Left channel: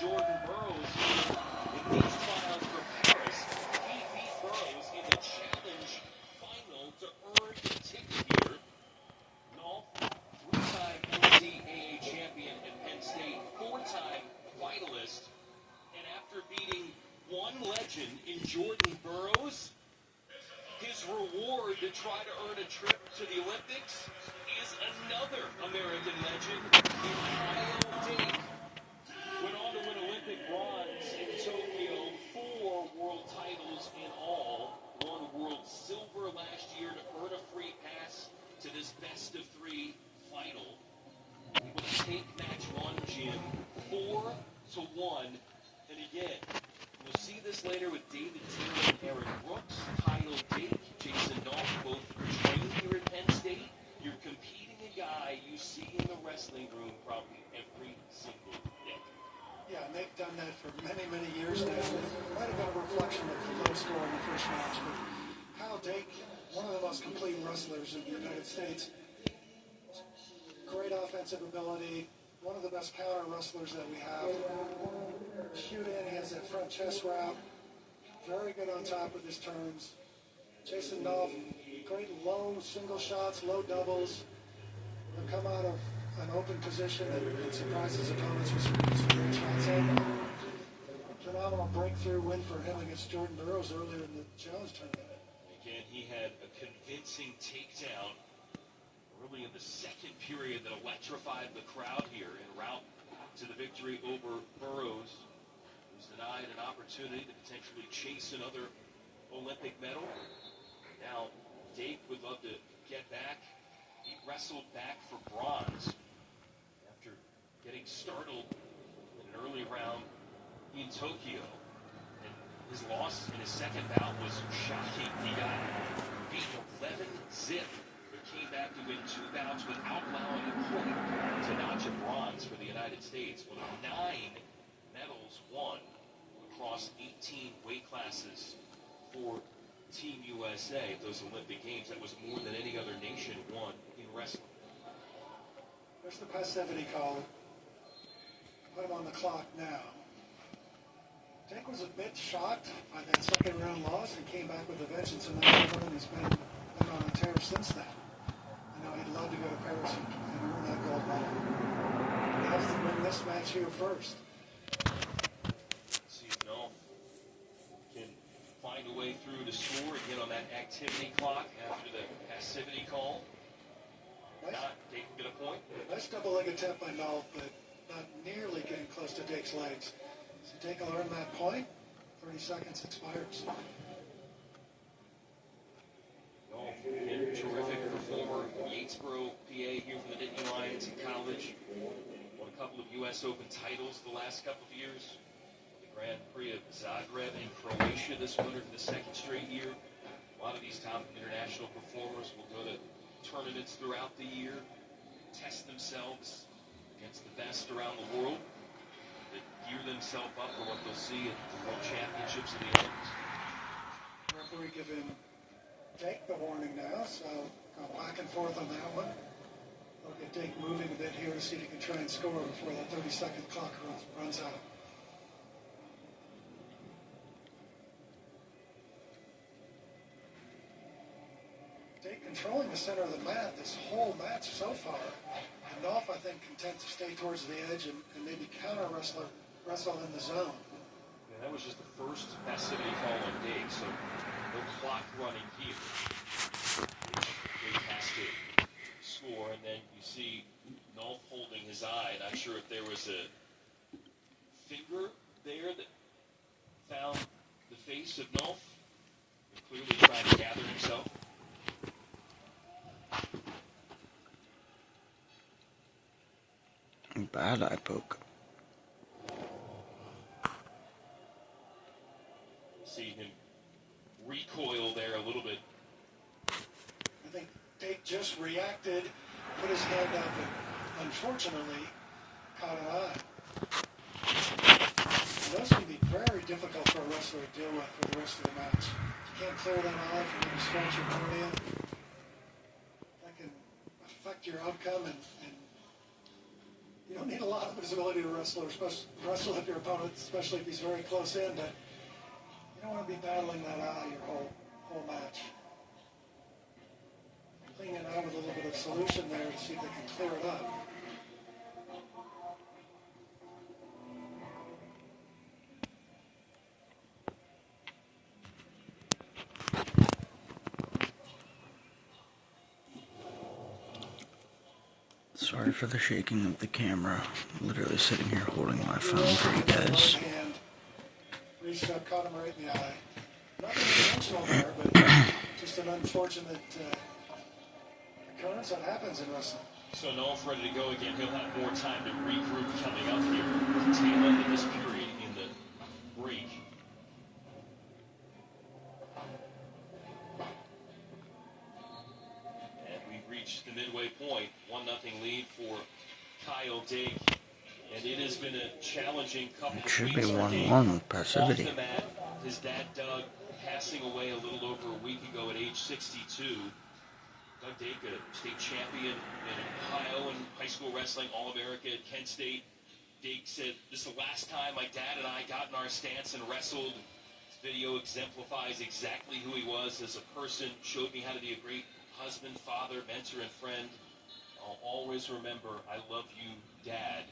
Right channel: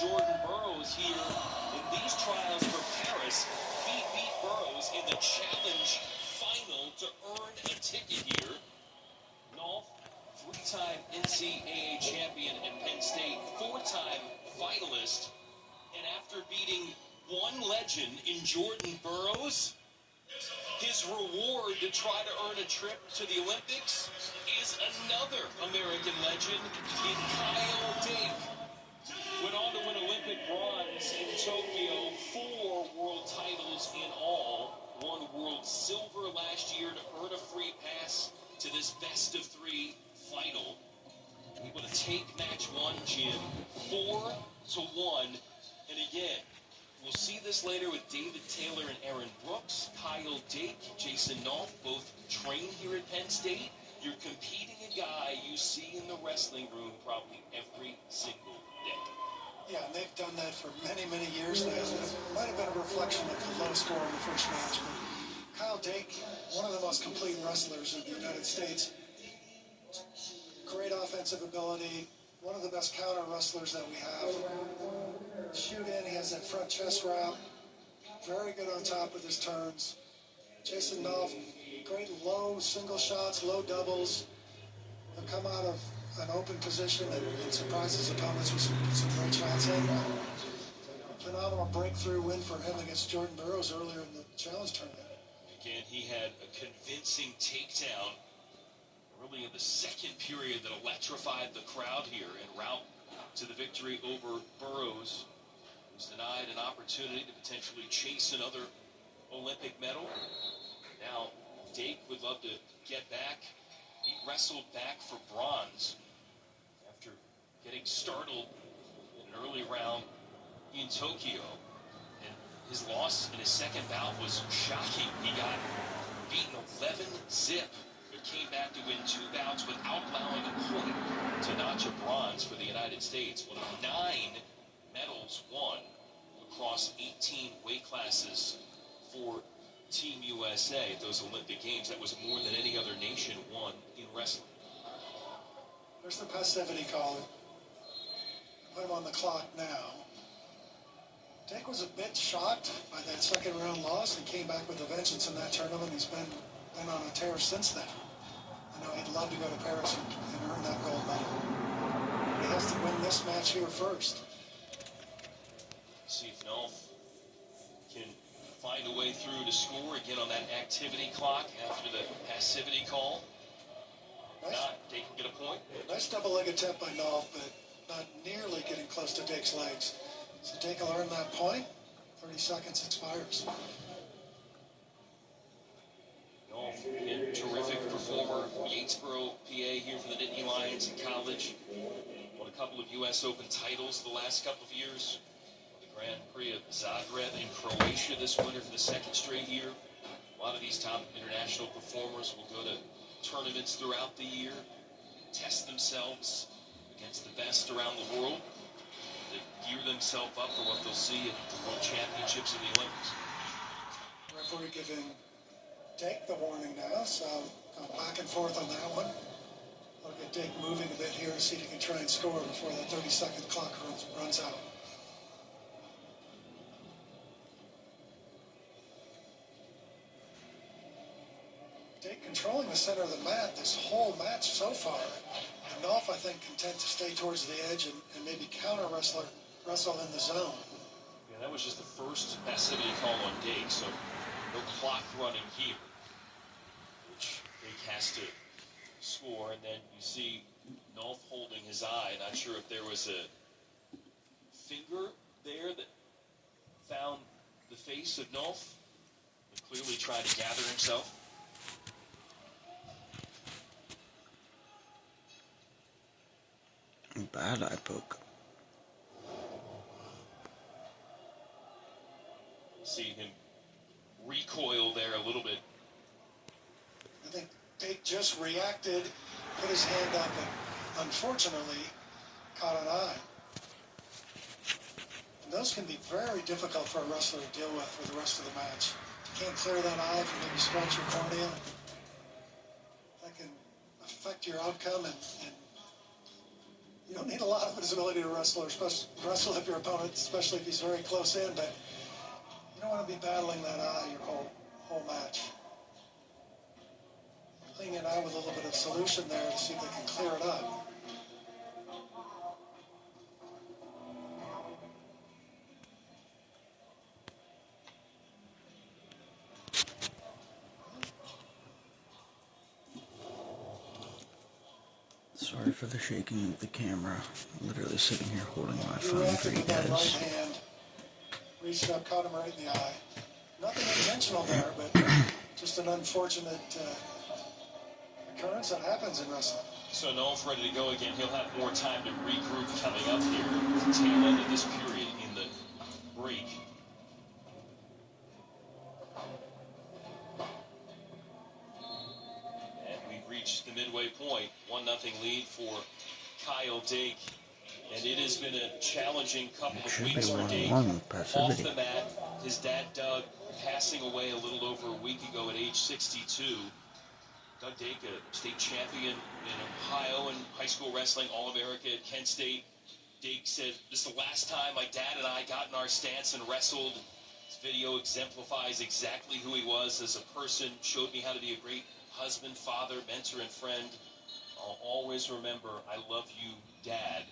Jordan Burroughs here in these trials for Paris. He beat Burroughs in the challenge final to earn a ticket here. Nolf, three-time NCAA champion at Penn State, four-time finalist. And after beating one legend in Jordan Burroughs, his reward to try to earn a trip to the Olympics is another American legend in Kyle Dake. Went on to win Olympic bronze in Tokyo, 4 world titles in all. Won world silver last year to earn a free pass to this best-of-3 final. Able to take match one, Jim, 4-1. And again, we'll see this later with David Taylor and Aaron Brooks, Kyle Dake, Jason Nolf, both trained here at Penn State. You're competing a guy you see in the wrestling room probably every single day. Yeah, and they've done that for many, many years now. It might have been a reflection of the low score in the first match, but Kyle Dake, one of the most complete wrestlers in the United States. Great offensive ability, one of the best counter wrestlers that we have. Shoot in, he has that front chest wrap. Very good on top with his turns. Jason Nolf, great low single shots, low doubles. He'll come out of an open position and surprise his opponents with some great shots. And a phenomenal breakthrough win for him against Jordan Burroughs earlier in the challenge tournament. Again, he had a convincing takedown early in the second period that electrified the crowd here en route to the victory over Burroughs. Was denied an opportunity to potentially chase another Olympic medal. Now, Dake would love to get back. He wrestled back for bronze after getting startled in an early round in Tokyo. And his loss in his second bout was shocking. He got beaten 11-zip, but came back to win 2 bouts without allowing a point to notch a bronze for the United States. One of 9 medals won across 18 weight classes for Team USA at those Olympic Games. That was more than any other nation won in wrestling. There's the passivity caller. Put him on the clock now. Dake was a bit shocked by that second round loss and came back with a vengeance in that tournament. He's been on a tear since then. I know he'd love to go to Paris and earn that gold medal. He has to win this match here first. See if Nolf can find a way through to score again on that activity clock after the passivity call. Nice. Not, Dake can get a point. Nice double-leg attempt by Nolf, but not nearly getting close to Dake's legs. So Dake will earn that point. 30 seconds expires. Nolf, again, terrific performer. Yatesboro, PA, here from the Nittany Lions in college. Won a couple of U.S. Open titles the last couple of years. Grand Prix of Zagreb in Croatia this winter for the second straight year. A lot of these top international performers will go to tournaments throughout the year, test themselves against the best around the world. They gear themselves up for what they'll see at the World Championships of the Olympics. Referee giving Dake the warning now, so go back and forth on that one. Look at Dake moving a bit here to see if he can try and score before that 30-second clock runs out. Dake controlling the center of the mat this whole match so far. And Nolf, I think, content to stay towards the edge and maybe counter wrestle in the zone. Yeah, that was just the first passivity call on Dake, so no clock running here. Which Dake has to score, and then you see Nolf holding his eye. Not sure if there was a finger there that found the face of Nolf. And clearly trying to gather himself. Bad eye poke. See him recoil there a little bit. I think Dake just reacted, put his hand up, and unfortunately caught an eye. And those can be very difficult for a wrestler to deal with for the rest of the match. You can't clear that eye from maybe scratch your cornea. That can affect your outcome and You don't need a lot of visibility to wrestle if your opponent, especially if he's very close in, but you don't want to be battling that eye your whole match. Clinging out with a little bit of solution there to see if they can clear it up. Sorry for the shaking of the camera. I'm literally sitting here holding my phone for you guys. Reached up, caught him right in the eye. Nothing intentional there, but just an unfortunate occurrence that happens in wrestling. So Nolf ready to go again. He'll have more time to regroup coming up here at the tail end of this period in the break. And we've reached the midway point. 1-0 lead for Kyle Dake. And it has been a challenging couple of weeks. Should be 1-1 with passivity. Off the mat, his dad, Doug, passing away a little over a week ago at age 62. Doug Dake, a state champion in Ohio and high school wrestling, All-America at Kent State. Dake said, "This is the last time my dad and I got in our stance and wrestled." This video exemplifies exactly who he was as a person, showed me how to be a great husband, father, mentor, and friend. I'll always remember, I love you, Dad.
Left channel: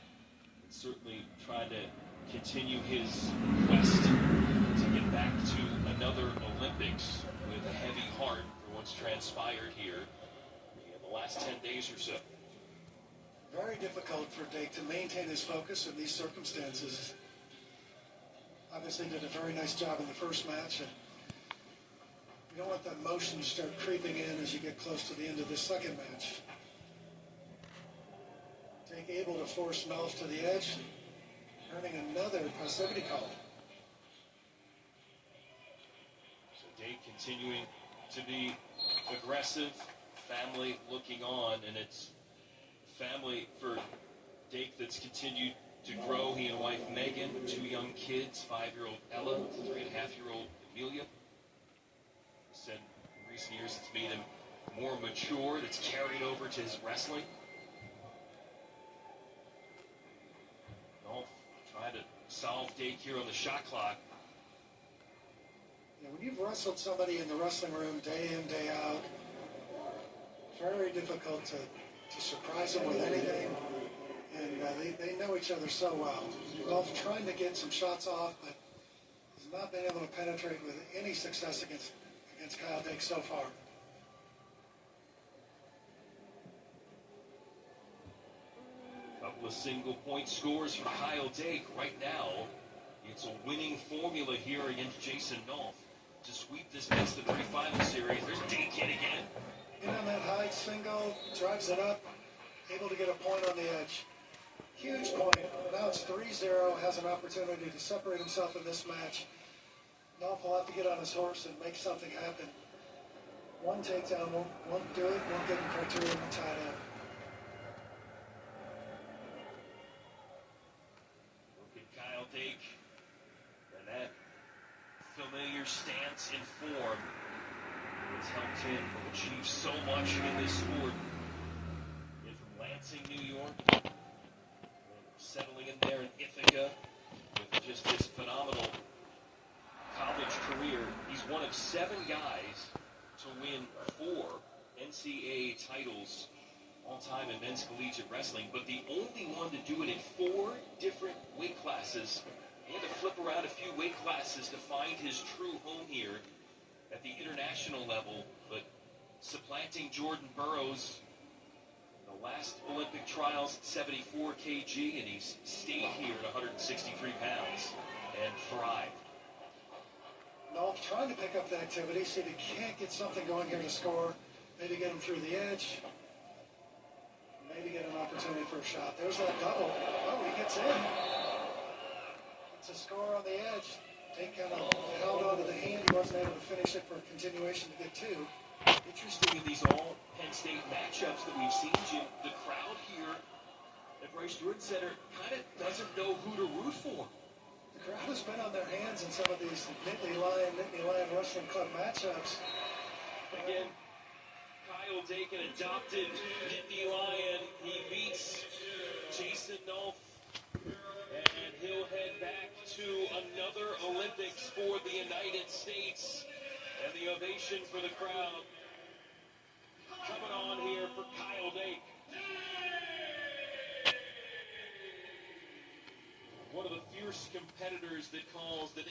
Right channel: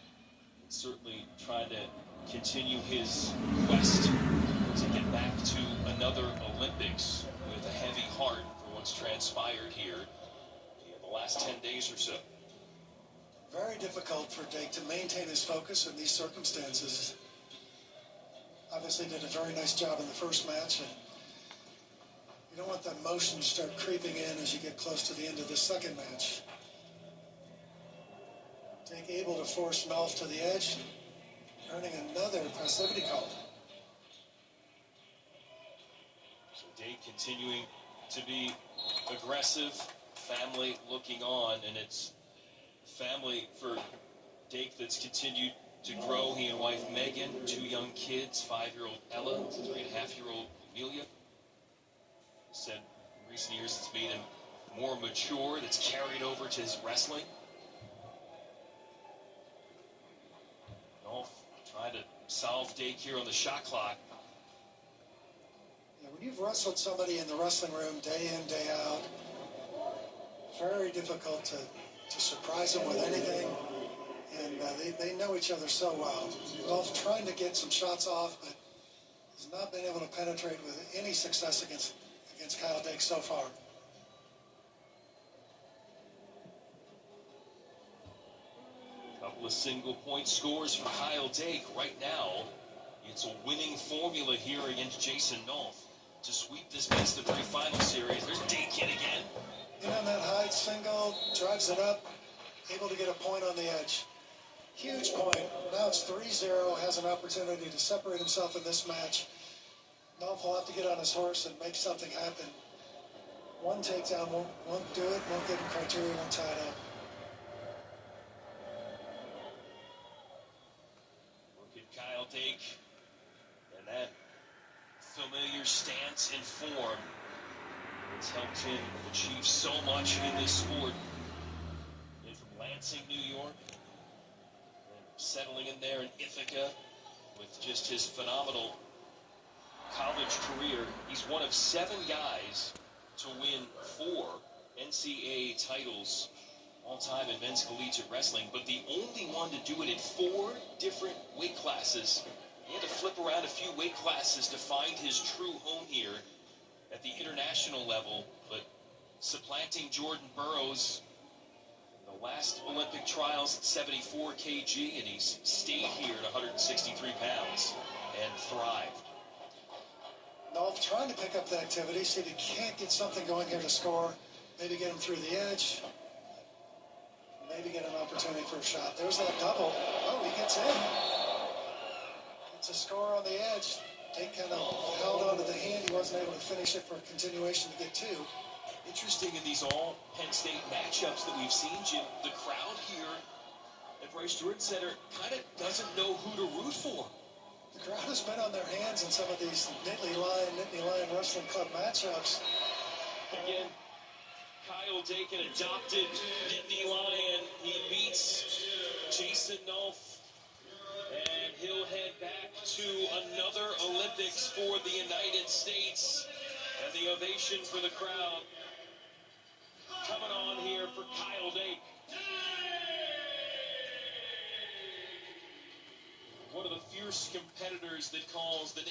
And certainly trying to continue his quest to get back to another Olympics with a heavy heart for what's transpired here in the last 10 days or so. Very difficult for Dake to maintain his focus in these circumstances. Obviously did a very nice job in the first match, and you don't want the emotions to start creeping in as you get close to the end of the second match. Dake able to force Nolf to the edge, earning another passivity call. So Dake continuing to be aggressive, family looking on, and it's family for Dake that's continued to grow. He and wife Megan, 2 young kids, 5-year-old Ella, 3.5-year-old Amelia. He said in recent years it's made him more mature. That's carried over to his wrestling. Nolf trying to solve Dake here on the shot clock. Yeah, when you've wrestled somebody in the wrestling room day in, day out, very difficult to surprise them with anything, and they know each other so well. Nolf trying to get some shots off, but has not been able to penetrate with any success against Kyle Dake so far. Couple of single-point scores for Kyle Dake right now. It's a winning formula here against Jason Nolf to sweep this best-of-3 final series. There's Dake hit again. In on that high single, drives it up, able to get a point on the edge. Huge point. Now it's 3-0, has an opportunity to separate himself in this match. Nolf will have to get on his horse and make something happen. One takedown won't do it, won't give him criteria, won't tie it up. Look at Kyle Dake and that familiar stance and form. It's helped him achieve so much in this sport. And from Lansing, New York, and settling in there in Ithaca with just his phenomenal college career. He's one of 7 guys to win 4 NCAA titles all time in men's collegiate wrestling, but the only one to do it in 4 different weight classes. He had to flip around a few weight classes to find his true home here at the international level, but supplanting Jordan Burroughs in the last Olympic trials at 74 kg, and he's stayed here at 163 pounds and thrived. Nolf trying to pick up the activity, see if he can't get something going here to score, maybe get him through the edge, maybe get an opportunity for a shot. There's that double. Oh, he gets in. It's a score on the edge. Dake kind of held onto the hand. He wasn't able to finish it for a continuation to get 2. Interesting in these all Penn State matchups that we've seen, Jim, the crowd here at Bryce Jordan Center kind of doesn't know who to root for. The crowd has been on their hands in some of these Nittany Lion Wrestling Club matchups. Again, Kyle Dake, an adopted Nittany Lion. He beats Jason Nolf, and he'll head back to another Olympics for the United States. And the ovation for the crowd coming on here for Kyle Dake. One of the fierce competitors that calls the